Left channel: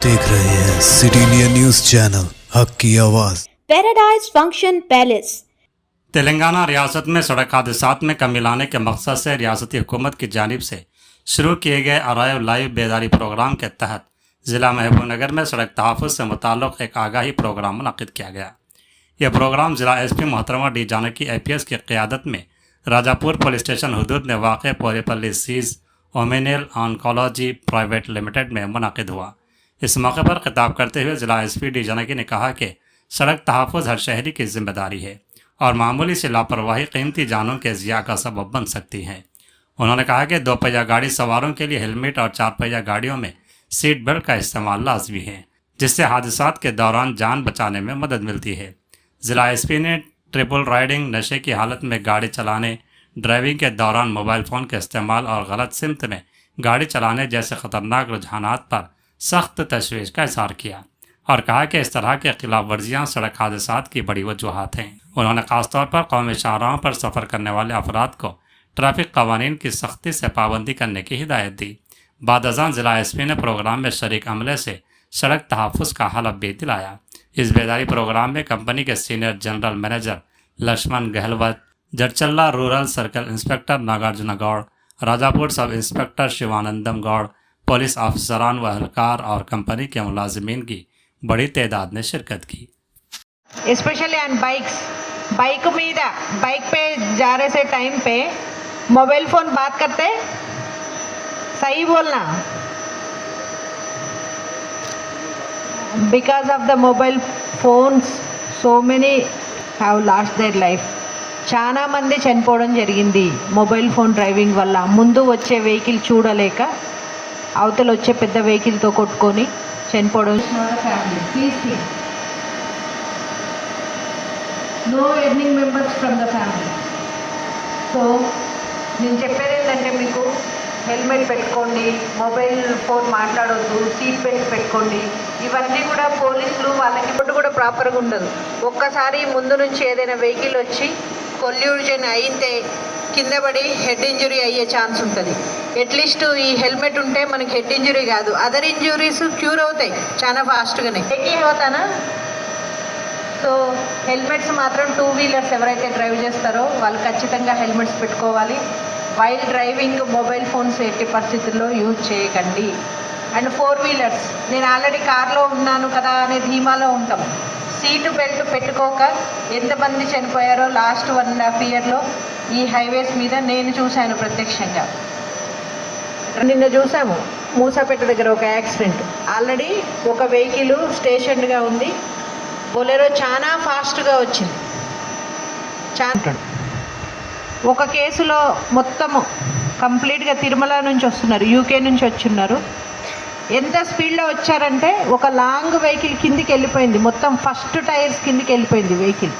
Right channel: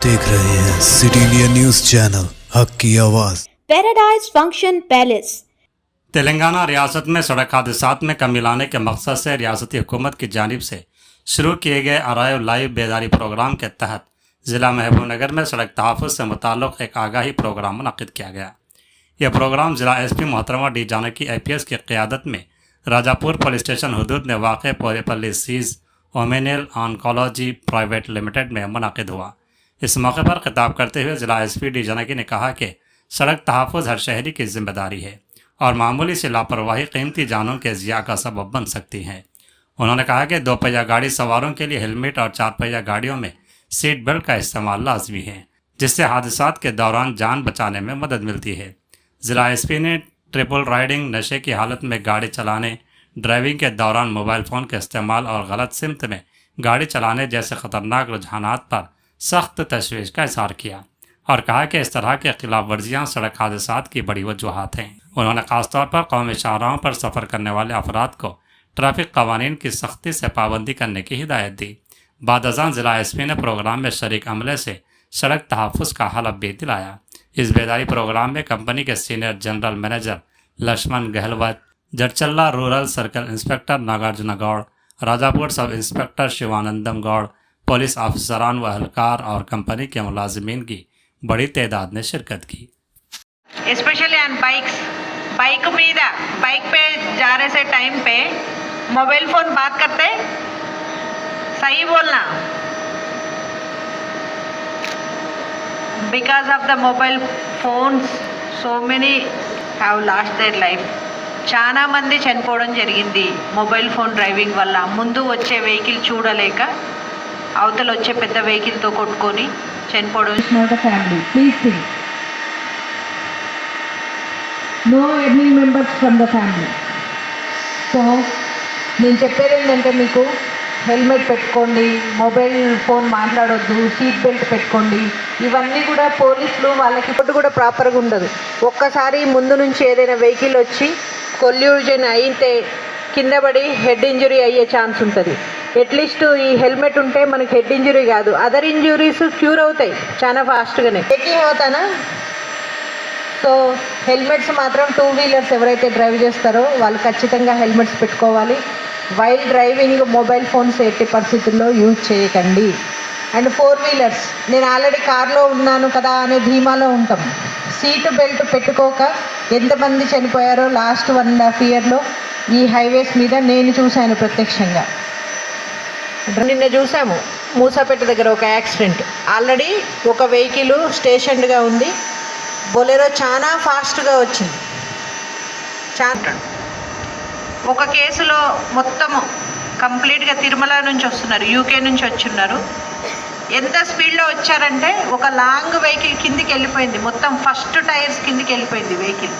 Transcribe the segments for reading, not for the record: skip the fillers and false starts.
देख रहे हैं सिटी इंडिया न्यूज चैनल हक की आवाज। Paradise function palace. तेलंगाना रियासत में सड़क हादसात में कमी लाने के मकसद से रियासती हुकूमत की जानिब से शुरू किए गए अराइव लाइव बेदारी प्रोग्राम के तहत ज़िला महबूबनगर में सड़क तहफ़्फ़ुज़ से मुताल्लिक़ एक आगाही प्रोग्राम मुनक़्क़िद किया गया। यह प्रोग्राम ज़िला एसपी मोहतरमा डी जानकी IPS की क़यादत में राजापुर पुलिस स्टेशन हदूद में वाक़ पोरेपल्ली सीज़ ओमेनेल ऑन्कोलॉजी प्राइवेट लिमिटेड में मुनक़्क़िद हुआ। इस मौके पर खिताब करते हुए ज़िला एसपी डी जानकी ने कहा कि सड़क तहफ़्फ़ुज़ हर शहरी की जिम्मेदारी है और मामूली सी लापरवाही कीमती जानों के ज़िया का सबब बन सकती है। उन्होंने कहा कि 2 पहिया गाड़ी सवारों के लिए हेलमेट और 4 पहिया गाड़ियों में सीट बेल्ट का इस्तेमाल लाजमी है, जिससे हादसात के दौरान जान बचाने में मदद मिलती है। ज़िला एसपी ने ट्रिपल राइडिंग, नशे की हालत में गाड़ी चलाने, ड्राइविंग के दौरान मोबाइल फ़ोन के इस्तेमाल और गलत सिमत में गाड़ी चलाने जैसे ख़तरनाक रुझानात पर सख्त तशवीश का इज़हार किया और कहा कि इस तरह के खिलाफ वर्जियाँ सड़क हादसात की बड़ी वजूहात हैं। उन्होंने ख़ासतौर पर कौमी शाहराहों पर सफ़र करने वाले अफराद को ट्रैफिक कवानीन की सख्ती से पाबंदी करने की हिदायत दी। बाद अज़ान ज़िला एसपी ने प्रोग्राम में शरीक अमले से सड़क तहफ़्फ़ुज़ का हलफ भी दिलाया। इस बेदारी प्रोग्राम में कंपनी के senior general manager Lakshman Gahlawat, Jadcherla rural circle inspector Nagarjuna Goud, Rajapur sub inspector Shivanandam Gaur, police अफसरान व अहलकार और कंपनी के मुलाजिमीन की बड़ी तादाद ने शिरकत की। स्पेशली ऑन बाइक पे जा रहे से टाइम पे मोबाइल फोन बात करते, सही बोलना, because of the mobile phones so many have lost their life. చాలా మంది చనిపోవడం జరిగింది మొబైల్ ఫోన్ డ్రైవింగ్ వల్ల. ముందు వచ్చే వెహికల్ చూడలేక అవతల వచ్చే పెద్ద వెహికల్తో కొట్టుకొని చనిపోవడం. Family please think no any members from the family. So నేను చెప్పేది ఏంటంటే, మీకు హెల్మెట్ పెట్టుకోండి, మొబైల్ ఫోన్ మాట్లాడొద్దు, సీట్ బెల్ట్ పెట్టుకోండి. ఇవన్నీ కూడా పోలీసులు వాళ్ళకి ఇప్పుడు కూడా ప్రాపర్గా ఉండదు. ఒక్కసారి ముందు నుంచి ఏదైనా వెహికల్ వచ్చి కొల్యూజన్ అయితే కింద పడి హెడ్ ఇంజరీ అయ్యే ఛాన్స్ ఉంటుంది. అట్లీస్ట్ ఈ హెల్మెట్ ఉంటే మనకి హెడ్ ఇంజరీ కాదు, అదర్ ఇంజురీస్ క్యూర్ అవుతాయి చాలా ఫాస్ట్గానే. అవుతానా? సో హెల్మెట్స్ మాత్రం 2 వీలర్స్ ఎవరైతే డ్రైవ్ చేస్తారో వాళ్ళు ఖచ్చితంగా హెల్మెట్స్ పెట్టుకోవాలి. వైల్ డ్రైవింగ్ మొబైల్ ఫోన్స్ ఎట్టి పరిస్థితుల్లో యూజ్ చేయకండి. అండ్ 4 వీలర్స్, నేను ఆల్రెడీ కార్లో ఉన్నాను కదా అనే ధీమాలో ఉంటాం. సీట్ బెల్ట్ పెట్టుకోక ఎంతమంది చనిపోయారో లాస్ట్ 1.5 ఇయర్లో ఈ హైవేస్ మీద నేను చూశాను ప్రత్యక్షంగా. నిన్న చూసాము మూసాపేట దగ్గర ఒక యాక్సిడెంట్. ఆల్రెడీ ఒక వెహికల్ స్టేషన్గా ఉంది, బొలెరో చాలా ఫాస్ట్గా వచ్చింది. ఒక కేసులో మొత్తము కంప్లీట్గా తిరుమల నుంచి వస్తున్నారు, UK నుంచి వచ్చున్నారు. ఎంత స్పీడ్లో వచ్చారంటే ఒక లాంగ్ వెహికల్ కిందికి వెళ్ళిపోయింది, మొత్తం ఫస్ట్ టైర్స్ కిందికి వెళ్ళిపోయింది వెహికల్.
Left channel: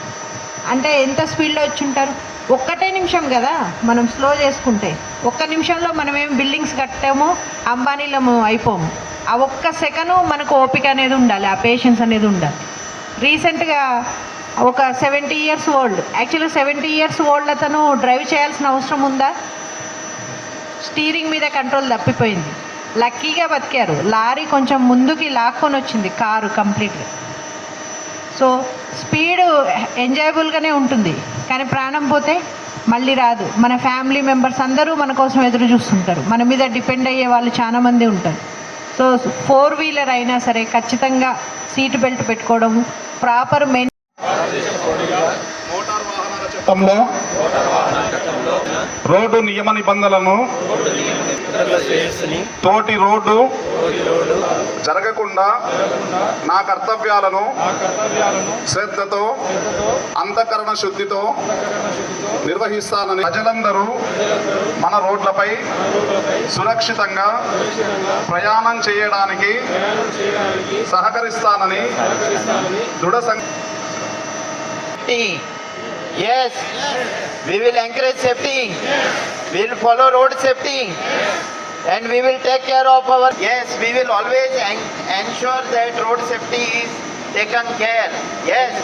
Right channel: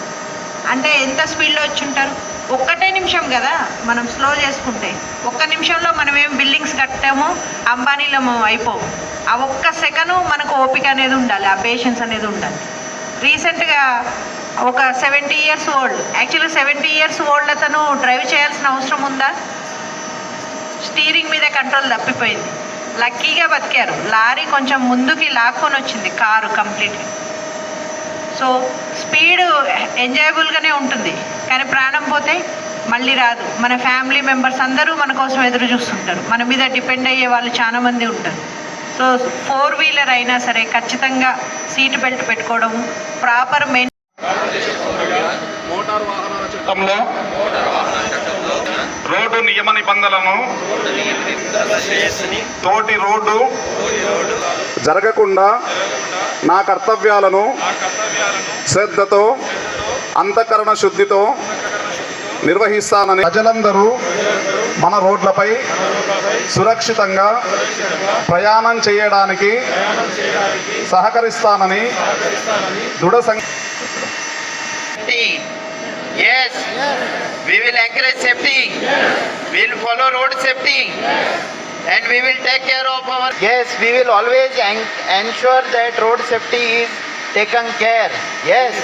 అంటే ఎంత స్పీడ్లో వచ్చి ఉంటారు? 1 నిమిషం కదా మనం స్లో చేసుకుంటే. 1 నిమిషంలో మనం ఏం బిల్డింగ్స్ కట్టాము, అంబానీలము అయిపోము. ఆ 1 సెకండ్ మనకు ఓపిక అనేది ఉండాలి, ఆ పేషెన్స్ అనేది ఉండాలి. రీసెంట్గా ఒక 70 ఇయర్స్ ఓల్డ్, యాక్చువల్గా 70 ఇయర్స్ ఓల్డ్ అతను డ్రైవ్ చేయాల్సిన అవసరం ఉందా? స్టీరింగ్ మీద కంట్రోల్ తప్పిపోయింది, లక్కీగా బతికారు. లారీ కొంచెం ముందుకి లాక్కొని వచ్చింది కారు కంప్లీట్గా. సో స్పీడ్ ఎంజాయబుల్గానే ఉంటుంది, కానీ ప్రాణం పోతే మళ్ళీ రాదు. మన ఫ్యామిలీ మెంబర్స్ అందరూ మన కోసం ఎదురు చూస్తుంటారు, మన మీద డిపెండ్ అయ్యే వాళ్ళు చాలామంది ఉంటారు. సో 4 వీలర్ అయినా సరే ఖచ్చితంగా సీట్ బెల్ట్ పెట్టుకోవడము, ప్రాపర్ మెయిన్. మోటార్ వాహనాల చట్టంలో రోడ్డు నియమ నిబంధనలను తోటి రోడ్డు జరగకుండా నా కర్తవ్యాలను శ్రద్ధతో అంతఃకరణ శుద్ధితో నిర్వహిస్తానని, ప్రజలందరూ మన రోడ్లపై సురక్షితంగా ప్రయాణం చేయడానికి సహకరిస్తానని దృఢ Yes, we will encourage safety. We will follow road safety, and we will take care of our. Yes, we will always ensure that road safety is taken care. Yes.